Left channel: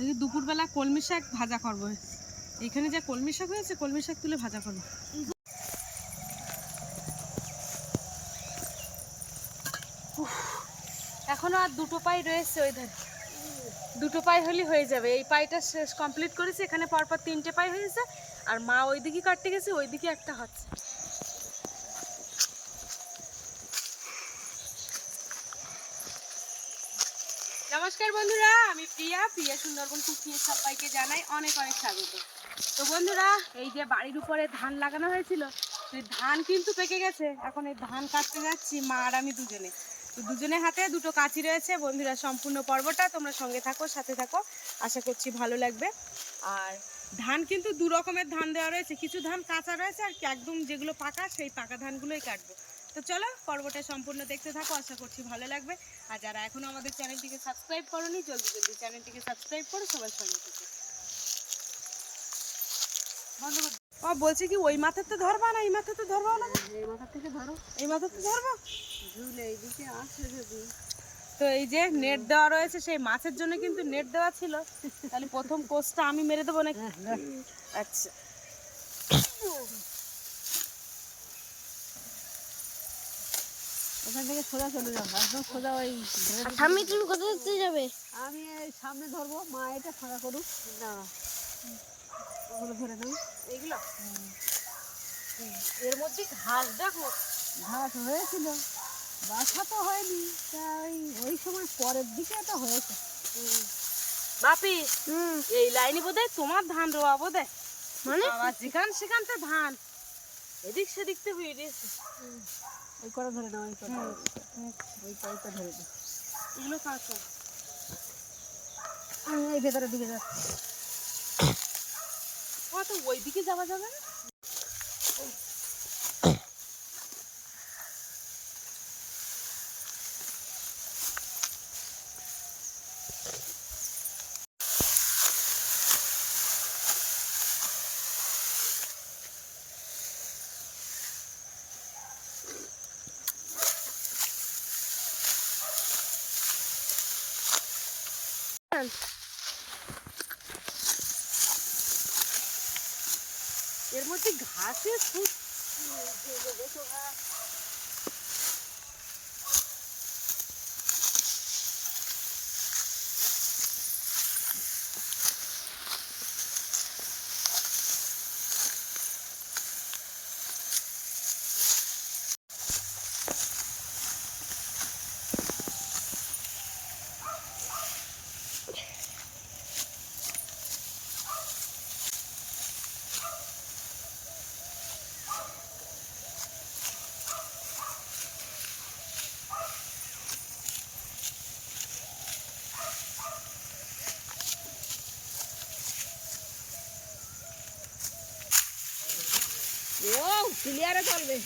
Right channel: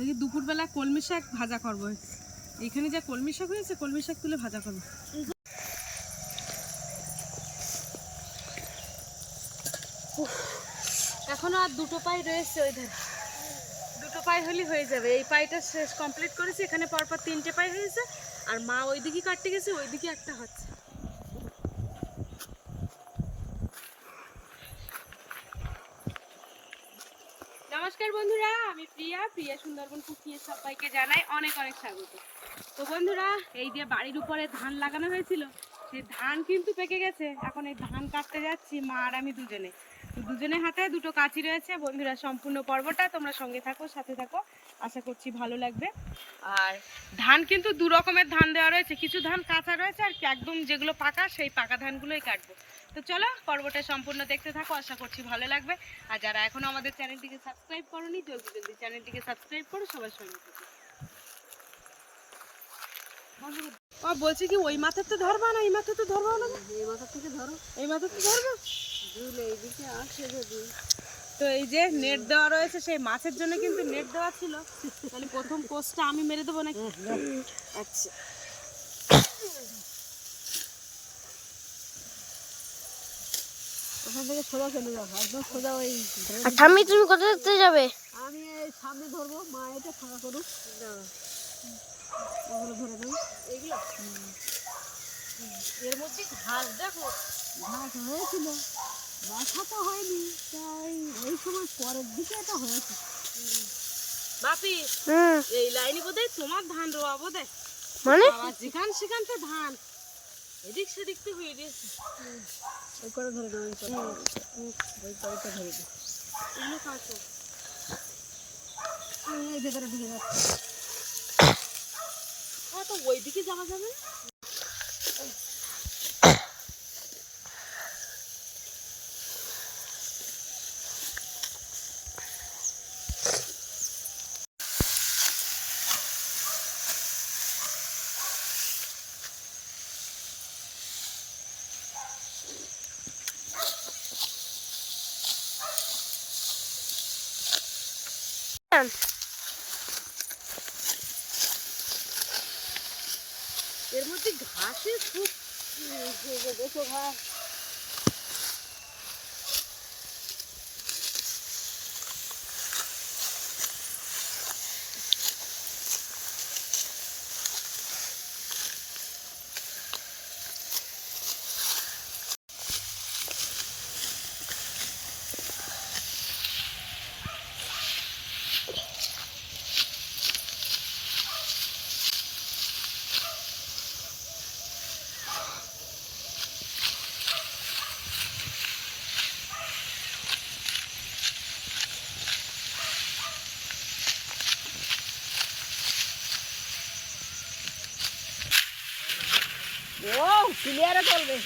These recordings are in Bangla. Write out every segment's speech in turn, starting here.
দেখি দুপুরবেলা কলমি শাক ভাজা করবো। এখানে যা কলমি শাক হয়েছে, কলমি শাক তুলে ভাজা করবো। এখনো আর দুটো পাই রয়েছে, ওই ধারে দুটো পাই হলেই হয়ে যাবে। এই পাইটা শেষ কমপ্লিট করেছি, এখানে পরপর 3টে পাই হয়েছে। আর মা ওইদিকে কাটতে গেছে, ওইদিকে একটা হচ্ছে। নমস্কার বন্ধুরা, আমি প্রিয়া সুন্দরবন কুকিং সবাইকে জানাই অনেক অনেক স্বাগত। তো বন্ধুরা, এই যে বাড়ির উপরে ধান লাগানো হয়েছিল, সেই ধান কিন্তু পেকে গেছে। এখন এই ধান কাটতে যাচ্ছি, মা আর আমি দুজনে। তো দুজনের হাতে দুটো কাঁচি রয়েছে। বন্ধুরা, সম্পূর্ণ পর্বটা তোমরা সঙ্গে থাকো, সাথে থাকো, আশা করছি ভালো লাগবে। আর ধান কিন্তু দু রকমের ধান দেওয়া রয়েছে, কিছু ধান কাঁচা রয়েছে, আর একদম যেগুলো পাকা, সেই পাকা ধানগুলোই কাটবো। তো চলো পর্বটা সম্পূর্ণ দেখতে থাকো, আশা করছি ভালো লাগবে। আর যারা এখনো আমাদের চ্যানেলটিকে সাবস্ক্রাইব করোনি, জলদি জলদি চ্যানেলটিকে সাবস্ক্রাইব করো, সবার সঙ্গে থেকে। বলছি কি, ওই মাথার তো ধরবা না, এই মাথা তো ধরবা না? এই মাথার থেকে ধরো, এই মাথার থেকে ধরবো। এইদিকে আসে যদি। তো এই যে নেট দেওয়া রয়েছে, সেই মাছের জন্য কিন্তু নেট দেওয়া ছিল। তাহলে প্রথম কোষটা আমি মেরে দেবো নাকি? আচ্ছা, ওখান থেকে সোজা চলে যাবো, একদম সোজা। ওই ঠাম্মি, তুমি কোথা দেখতে যাবে? আমি এই সামনে ধরবো, মা এটা ফাঁকা করুক। না, ওগুলো ধরে নেই, এইগুলো। এর মধ্যে ঘাস, দেখো ঘাস হয়েছিল, বাসা তো হয়নি। তাই ওই সময় পরের দিকে এটা হয়েছে। বাপি, এই লাইনে বোধহয় তোমার ধান রোয়া বোধহয়, মানে যেখান সেখান তো ধান এদিক সেদিক তো হয়ে গেছে। ওই করে ধরে নাও, ওই পাইটা ধরে দিই। এগুলো কাঁচা, আমি ওই ভেতরের দিকে যাচ্ছি। তো ওই দিকে যাওয়া যাবে না। এর মধ্যে ঘাসের খুব দেখো, ঘাস। ও ক্লিয়ারে চলবে।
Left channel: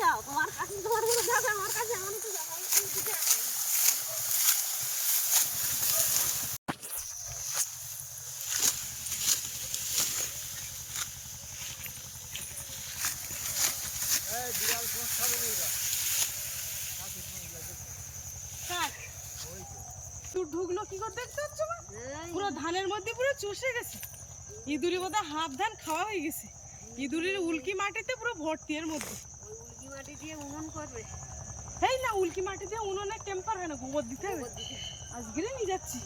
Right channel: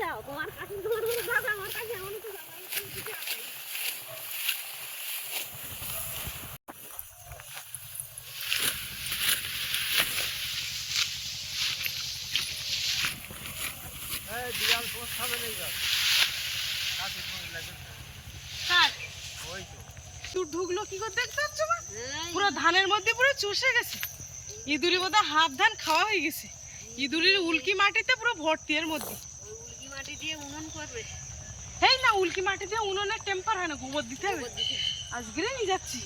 যাও, তোমার কাছে তোমার দাদা, আমার কাছে এমন তো যাবে। ঢুকলো কি করে দেখতে পাচ্ছ না? পুরো ধানের মধ্যে পুরো চষে গেছে। ইঁদুরি বোধহয় হাফ ধান খাওয়া হয়ে গেছে। ইঁদুরির উল্কি মাটিতে পুরো ভর্তি এর মধ্যে। উল্কি মাটি দিয়ে উনুন করবে? এই না, উল্কি মাটি দিয়ে উনুনের টেম্পার হয় না, গোবর দিতে হবে। আজকে নিয়ে যাচ্ছি,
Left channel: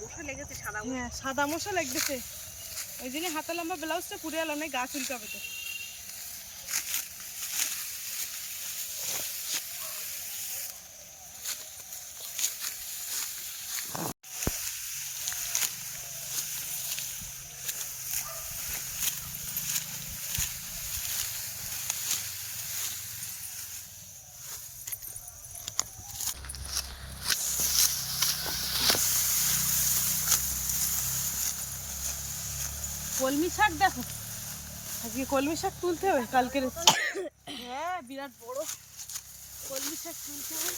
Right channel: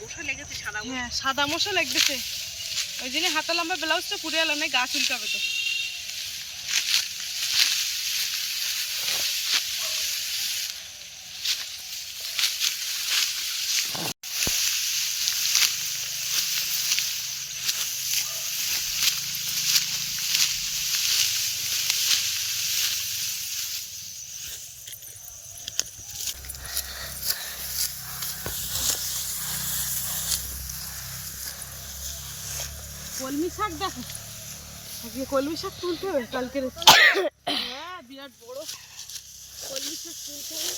মশা লেগেছে, সাদা। হ্যাঁ, সাদা মশা লেগেছে। ওই জন্য হাতা লম্বা ব্লাউজটা পুড়ে এলাম, না গা চুলকাবে তো। কলমি শাক দেখো, আজকে কলমি শাক তুলতে হবে। কালকে হ্যাঁ, বিরাট বড় কলমি শাক তুলতে হবে।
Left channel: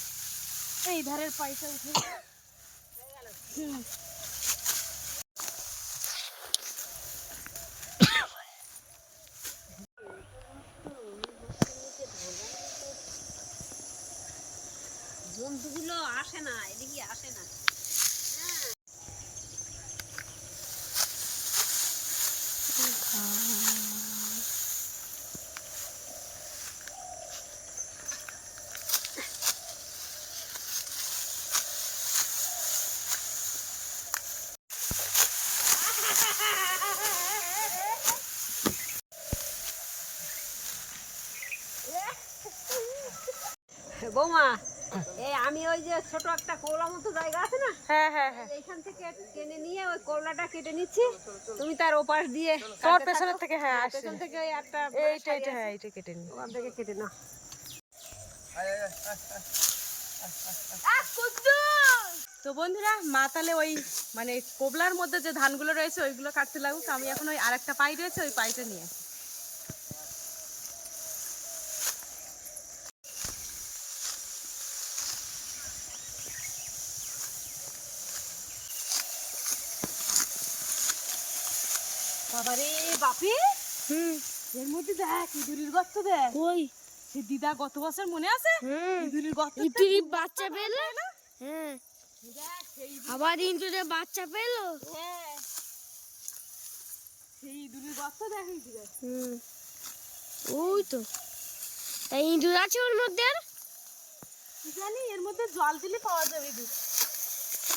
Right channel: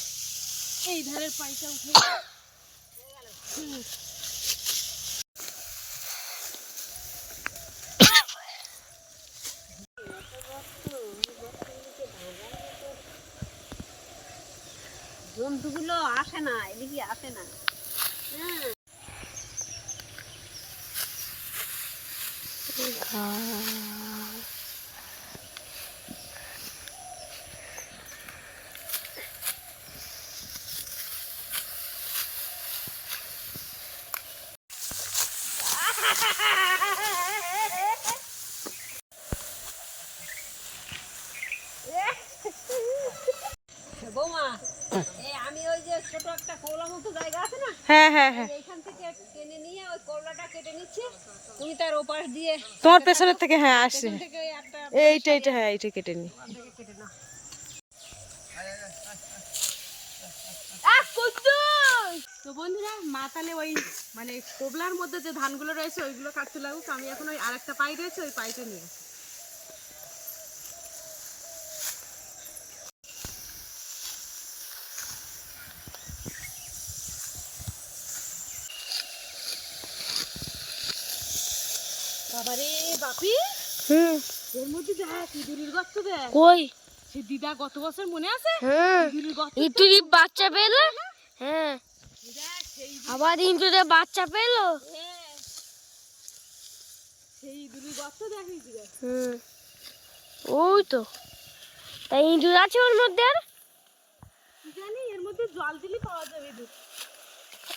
এই ধারের পাইটা উঠে জন্তুগুলো আসে না, এদিকে আসে না। বৌমা, এই আমি ওই যে ছোট একটা কৌলা মতো জায়গা আছে না, হ্যাঁ হ্যাঁ হ্যাঁ, এইখান থেকে টেনে নিয়ে ওই কৌলাটা কেটে নিচ্ছি, তুমি তার ওপাশ দিয়ে তোমার পেছনের থেকে হ্যাঁ আসে, পেছন থেকে ওই একটা এইটা হ্যাঁ এইটা কেটে নি। ওখান থেকে কেটে নাও। তো বন্ধুরা মা তাহলে ওই মানে কোবলার মধ্যে যে ধানগুলো রয়েছে ওইগুলো কাটতে লাগুক, আমি এখন ওই আরেকটা পাই রয়েছে ওই পাইটা নিয়ে আসি। বাবারে বাপি, এর মধ্যে দেখ ইঁদুরের গর্ত, দেখ কই সে দিদা গত বছর মনে আছে ইঁদুরের গর্ত, ইঁদুরি বাচ্চা পেলো। হ্যাঁ, দেখ সেই আবার ইঁদুরে বাচ্চা পেলো। হ্যাঁ সেই ইঁদুরের গর্ত দেখ ইঁদুরের। ওই তো, তাই ইঁদুর আছে ওর মধ্যে। আর কি জানি এর মধ্যে জল দিলে পাওয়া যাবে ইঁদুর,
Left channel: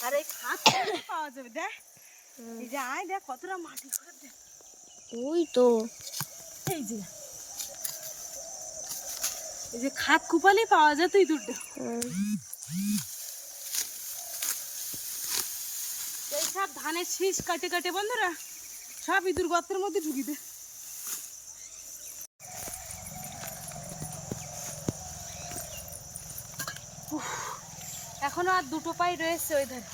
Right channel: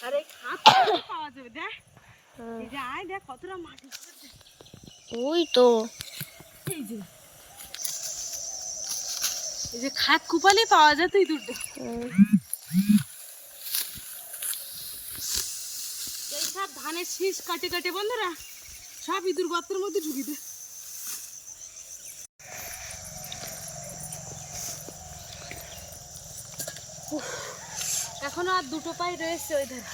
আর এই খাপ পাওয়া যাবে। দেখ এই যে আয় দেখ কতটা মাটি করে দেখ, ওই তো এই যে খাত কুপালেই পাওয়া যেত ইঁদুরটা। এই সব ধানের শীষ কাটে কাটে বন্ধুরা সব ইঁদুর গর্তের মধ্যে ঢুকি দে। এখনো আর দুটো পাই রয়েছে, ওই ধান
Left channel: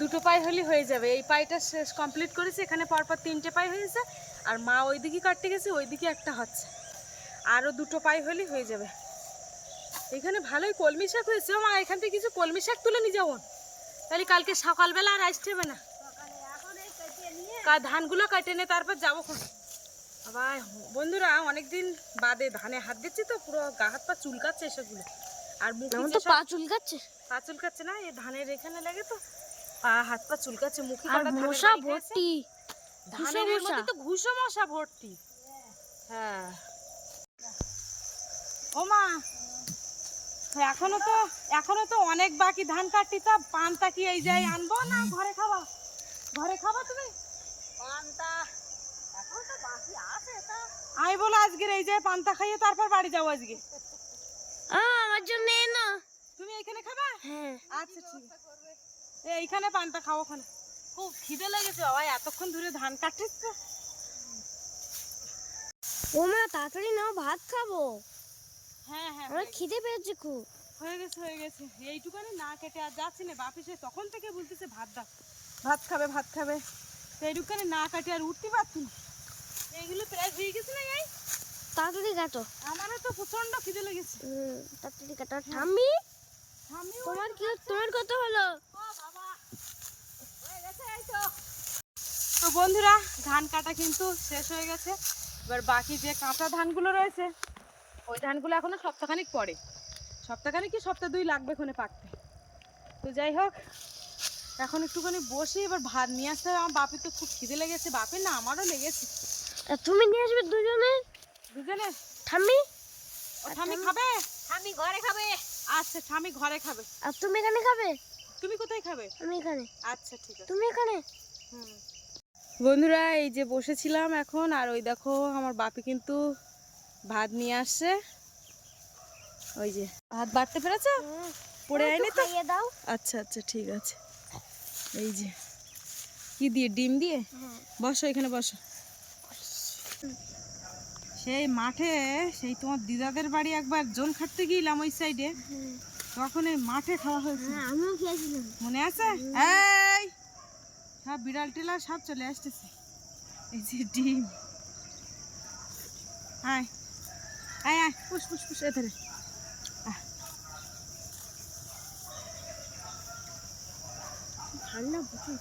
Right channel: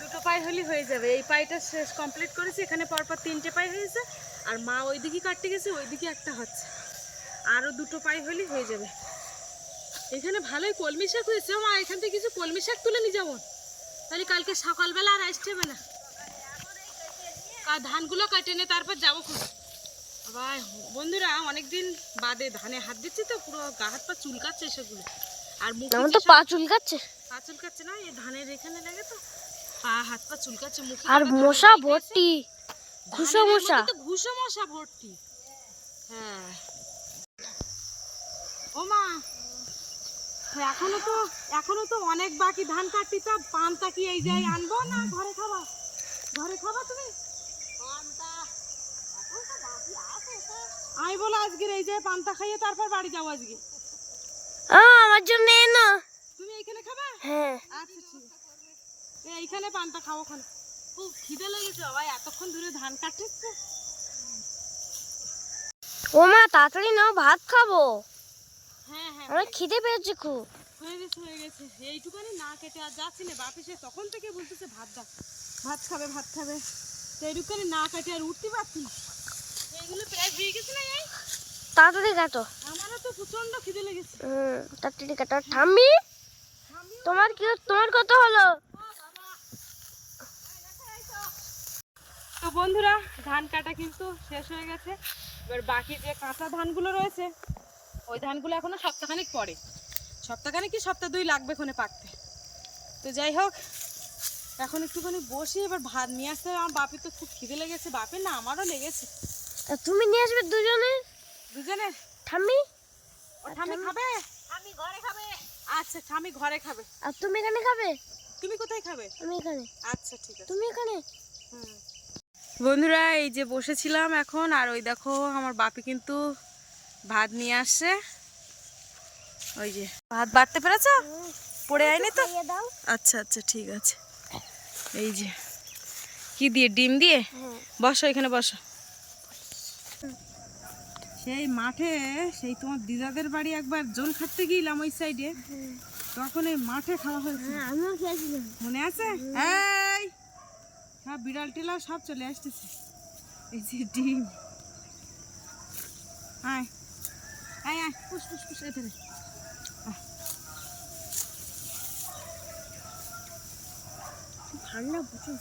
দুটো পাই হলে হয়ে যাবে। এই পাইটা শেষ কমপ্লিট করেছি, এখানে পরপর 3টে পাই হয়েছে, আর মা ওইদিকে কাটতে গেছে, ওইদিকে একটা হচ্ছে, আরও দুটো পাই হলে হয়ে যাবে। এখানে ভালোই কলমি শাক হয়েছে, মা এখান থেকে কিছু কলমি শাক তুলে নিয়ে যাবো, তাহলে কালকে সকালবেলা আর আসতে হবে না। ধানগুলো কেটে নে তারপর যাবো খন। আবার বন্ধুরা অনেকদিন বাদে ধানে হাত দিচ্ছি তো পুরো গা হাত পা চুলকাচ্ছে এসবগুলো, আর মুখ তো পা চুলকাচ্ছে। পা চুলকাচ্ছে না, এই ধানের এখানে লাগে তো পা হাত পা চুলকাচ্ছে, মুখে আর মশা ভর্তি, ঘুষো মশা, তো ঘুষো মশা ভর্তি। হ্যাঁ ও মা, এখনো তো অনেক বাকি ধান কাটতি, তা পান্তা কি এই যাই আনবো না ঘরে খাবা? ঘরে খাবা তুমি পান্তা? এখন তো বাকি আছে, তা আমি বলো আজকের এই যে পান্তা খাইয়ে তারপর বাড়ি যাবো আজকে। আমার জন্য এনো। তুমি এইখানে খাবা? হ্যাঁ, আচ্ছা ঠিক আছে, এইখানে পান্তা খাবো খান। খুব খিদে লেগেছে বাবা, এতক্ষণ ধরে ধান কাটছিস তো। ও মা তাড়াতাড়ি নাও, ভাত খাবো। হ্যাঁ হ্যাঁ আমার খিদে পেয়েছে খুব। হয়ে গেছে এইটুকানি না কেটে আর যাচ্ছি না, বাপি সে তখন থেকে বলতেছে ভাত দাও, ভাত খাবে, তো এইটুকানি না কাটে আর উঠতে পারছি না। এইগুলো প্রায় হয়ে গেছে না, এই তাড়াতাড়ি কাটো। আমারও তো প্রচন্ড খিদে লেগেছে। তাড়াতাড়ি কাটো। ঠাম্মি, তোমার কত হলো? তো বন্ধুরা ধান কাটা কিন্তু শেষ হয়ে গেছে, এবার বাকি যে কাঁচা ধানগুলো রয়েছে ওই ধানগুলো এখনো সপ্তাহখানিক পরে, সপ্তাহখানিক কি সপ্তাহ 2 লাগবে ওখানে পাকতে। তো যাই হোক এখন একটুখানি বসি, এবার ভাত নিয়ে আসতে হবে। আমার বাপির তো খুব খিদে লেগেছে, বাপির না আমারও লেগেছে। তা তুমি নিয়ে আসবে দুজনে? ঠাম্মি, ও ঠাম্মি খাবে? আমি ঘরে খাবে। আচ্ছা ঠাম্মি ঘরে খাবে, আর তুমি এখানে খাবে? তুমি কোথায় খাবে? আমি এখানে। আচ্ছা ঠিক আছে, তুমি এখানে। বন্ধুরা এই যে বসেছিলাম এখন, আর ওই দেখো আমার বাপি কিন্তু ভাত নিয়ে আসছে। ওই যে ভাত বাড়তে পেরেছো? পড়ে আয়নি তো? দাও। আচ্ছা আচ্ছা ঠিক আছে। এই যে কি দিয়ে, ডিম দিয়ে। বসো এখানে বসো। সেই মাঠে, সেই তোমার দিদাদের বাড়ি একবার জোন খাটতে গিয়েছিলাম ওই সাইডে, তখন এই মাঠে খাওয়া হয়েছে, আমিও খেয়েছিলাম, মনে আছে? এই সব বিড়াল টিলা সব চলে আসতেছে। এই যে ডিম, আয় আয় আয়, পুষ পুষ পুষ, এধারে ঠান্ডা বুঝি।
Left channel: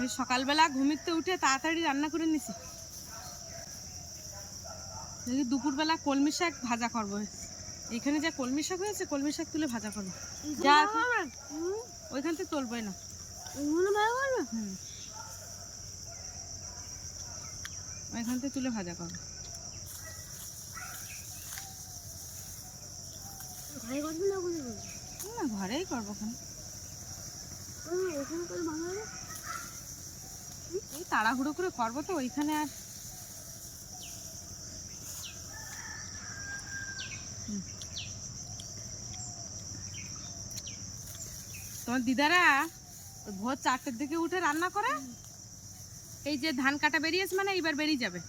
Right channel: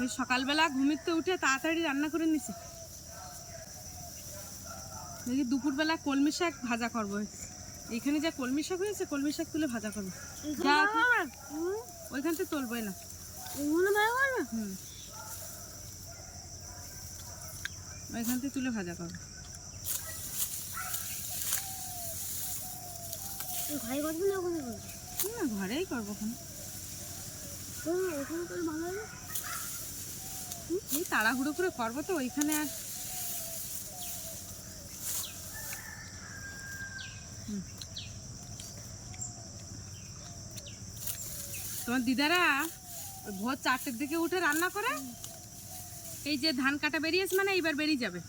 ওই সকালবেলা ঘুমিতে উঠে তাড়াতাড়ি রান্না করে নিছি, দেখি দুপুরবেলা কলমি শাক ভাজা করবো। এইখানে যা কলমি শাক হয়েছে, কলমি শাক তুলে ভাজা করবো। যা ওইখান থেকে তুলবই না। হুম, ওইখান থেকে তুলে ভাজা করবো। ঘরে করবি না ওখানে করবি? না, ঘরেই করবো। ওখানে করলে ভালো হবে। এই তাড়াহুড়ো করে করবো তো ওইখানে। আর তোমার দিদারা ওই ভোর 4টের দিকে উঠে রান্না করে। এই যে ধান কাটা বেরিয়েছে মানে এইবার বেরিয়ে যাবে,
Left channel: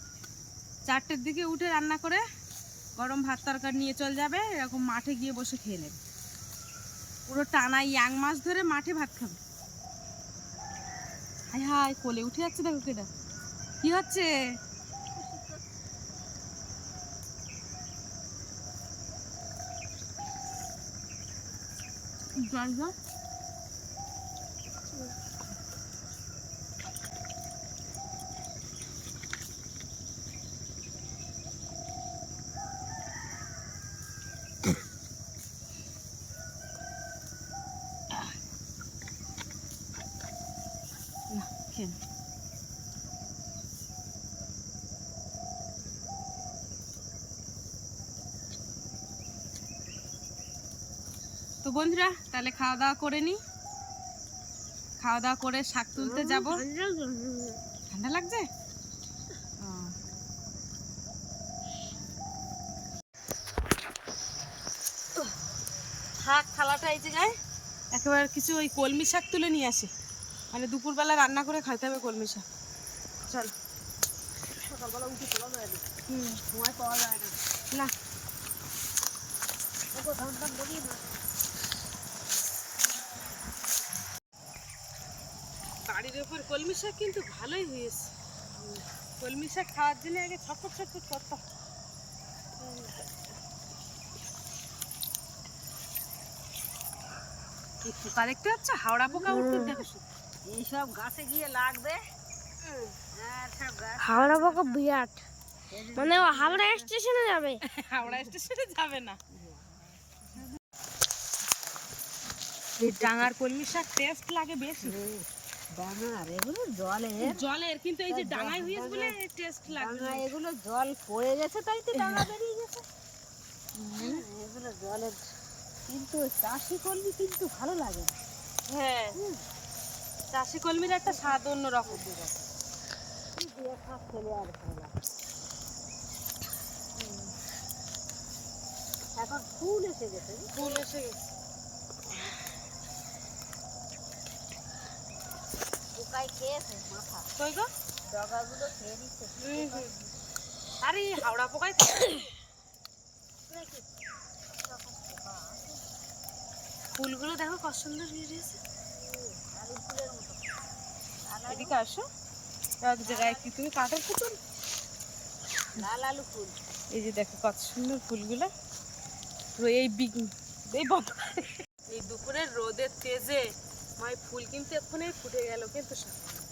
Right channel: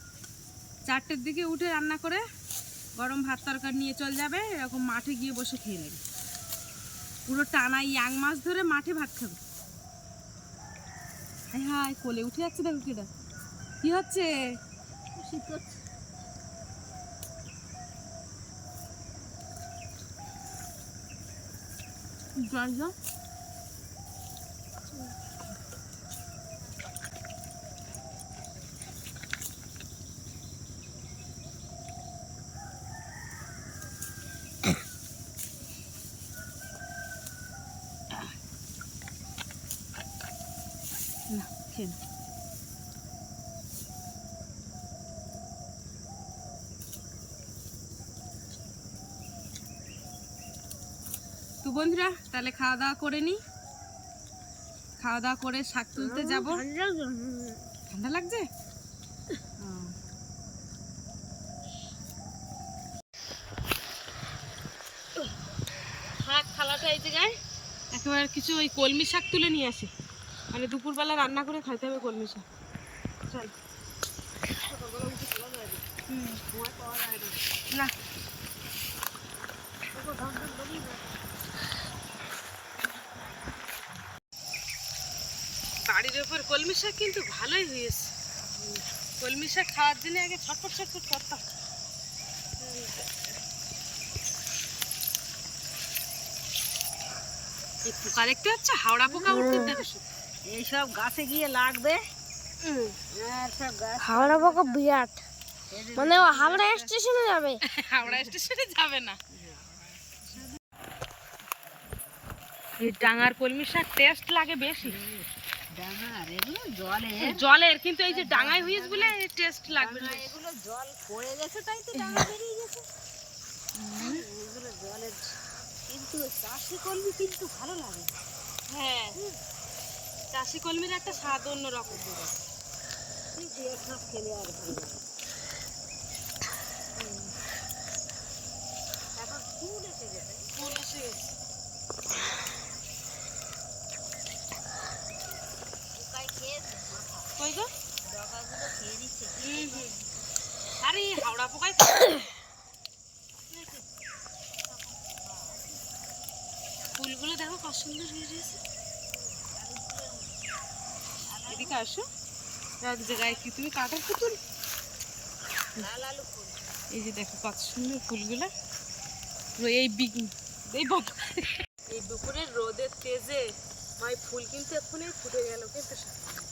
4টের দিকে উঠে রান্না করে গরম ভাত তরকারি নিয়ে চলে যাবে। এরকম মাঠে গিয়ে বসে খেয়ে নেবে, পুরো টানা ইয়াং মাছ ধরে মাঠে ভাত খাবে। হাই হাই, কোলে উঠে যাচ্ছে, দেখো কেটা কি হচ্ছে। জল জল। না, খেয়ে নাও। তো বন্ধুরা, তাহলে খাওয়া দাওয়া করে নি। খাওয়া দাওয়া করে শাক তুলতে যাব। ঠান্ডা লাগছে? শাক থালাটা এই জায়গায় একেবারে কিছু ওই কলমি শাক তুলে নিয়ে আসি, মানে দুপুরবেলা রান্না করে খাইতে হবে কলমি শাক। চল। না, বাড়ির ওপর কলমি শাক কিন্তু ভালোই হয়েছে। কলমি শাক খাওয়ার জন্য আগে ছটফট ছটফট করতাম। এই পোকা দেখতে পাচ্ছ, হাওড়া পোকা উঠতে দেখো। এইসব গাছে গিয়ে লাগবে। হাওড়া পোকা বিরাট, মানে ও হাওড়া স্টেশনে যাবে। হাওড়া স্টেশনে যাবে না। এই ডাঙার কলমি শাক টেস্ট লাগে বেশি। জলের কিন্তু এই যে ডাঙায় হয়েছে বলে টেস্ট লাগবে না। এগুলো জল পড়ে গেছে তাই তো ডাঙা বেরিয়ে গেছে। এগুলো জলের, কিন্তু চাষি কলমি কিন্তু ভালো লাগে। হ্যাঁ, চাষি কলমির একটা স্বাদ অন্য রকম। খেলে আর ভালো লাগে। এখন ফুল এসে গেছে। ফুল এসে গেছে। পোকায় খেয়েছে মাথা, কই গো? ডগাগুলো খেয়ে নিচ্ছে। আরে হাওড়া পোকায় ফুলগুলো দেখো কত সুন্দর হয়ে গেছে। এদিকে আসো, এক জায়গায় কি তুমি কাঠের পুতুল। লাল আলু ফুল। এই যে দেখো কত সুন্দর ফুলগুলো, পুরো এই এই দুপুরের রোদের তেজে মাই ফুল কিন্তু এক্ষুনি ফুটে গেল। কিন্তু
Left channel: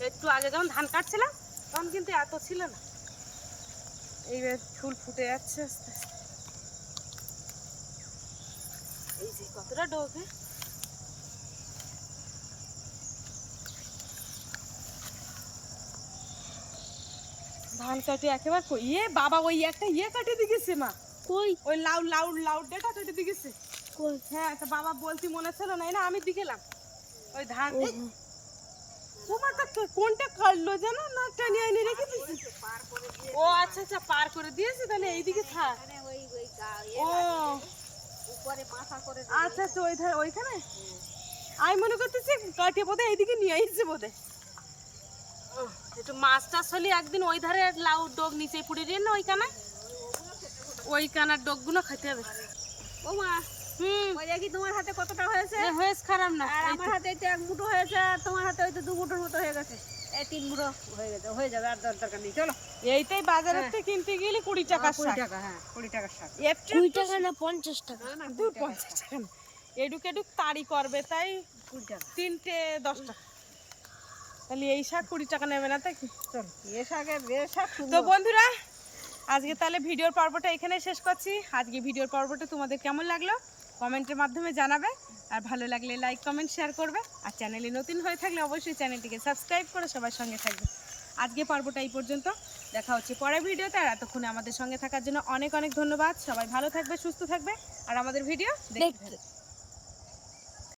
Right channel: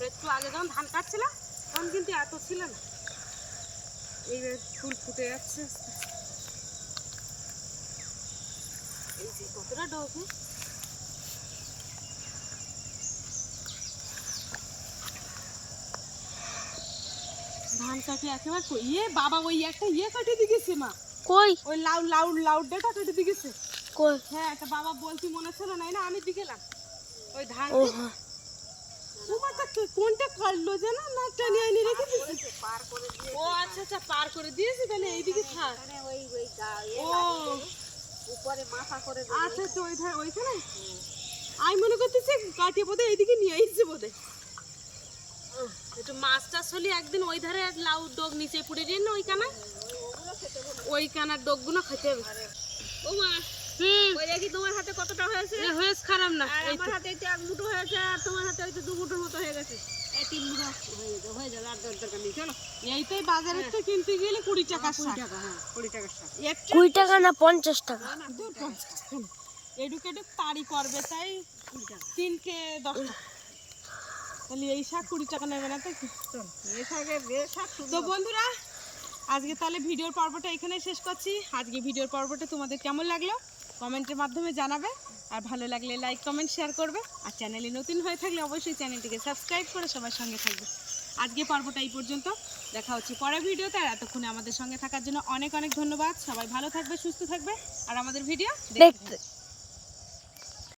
একটু আগে যখন ধান কাটছিলাম তখন কিন্তু এত ছিল না। এইবার ফুল ফুটে যাচ্ছে আস্তে আস্তে। এই যে কতটা ডোবে। ধান কাটে একেবারে ইয়ে বাবা, ওই একটা ইয়ে কাটিয়ে দিয়েছে মা। কই? ওই লাউডটা কেটে দিয়েছে। কই? হ্যাঁ, তা বাবা বলতি মনে ছিল না, না আমি দিকেলাম ওই ধান। ও তোমারটা কোনটা কাটলো জানো না, টানিয়ে এনে রেখে দিয়েছে। ও আচ্ছা আচ্ছা, পার করে দিয়েছে, তাহলে এইদিকে থাক। ও উপরে মাথা করে আচ্ছা আচ্ছা, ওই ধারে ওইখানে আমি মনে করতেছি কাটিয়ে বোধহয় এইদিকে নিয়ে আসছে বোধহয়। একটু মাছ টাছ হলে একদিন ওই ধারে লাউ ডোগ নিচে পুড়ে দিয়ে না, ওই কানার ডোগগুলো খেতে হবে। ও মা, ওই দেখি তোমার হাতে কতটা হয়েছে। হয়েছে খারাপ না, আমার হাতে এই তো 1 মুঠো হয়েছে, আর তোমার হাতে হয়তো 2 মুঠোর মতো হয়ে গেছে। এই 3 মুঠো হয়ে গেছে, হয়ে যাবে। আর দরকার নেই, চলো। এইটাই বাজারের থেকে কিনতে গেলে 20 টাকার শাক। 20 টাকা, হ্যাঁ 20 টাকার শাক। 20 টাকা না 50 টাকা? দূর 50 টাকা না। এডুক তাড়ি করবে তাই 3টে 10 টাকা। তাহলে এই শাক 20 টাকা নেবে না, তাই কি? চল, এ শাকে, এ শাক তো বন্ধুরা, আজকে তাহলে ভিডিওর পর্বটা এখানে শেষ করছি। আজকে ভিডিওর পর্বটা তোমাদের কেমন লাগলো কমেন্টের মাধ্যমে জানাবে, আর ভালো লাগলে লাইক কমেন্ট শেয়ার করবে, আর চ্যানেলে নতুন হয়ে থাকলে অবশ্যই চ্যানেলটিকে সাবস্ক্রাইব করে সবার সঙ্গে থাকবে। আজকে পর্বটা এই পর্যন্ত, দেখা হচ্ছে পরের ভিডিওতে। আর এতক্ষণে আমাদের সঙ্গে থাকার জন্য অনেক অনেক ধন্যবাদ। সবাই ভালো থাকবে, সুস্থ থাকবে, আর আমাদের ভিডিও দেখতে থাকবে।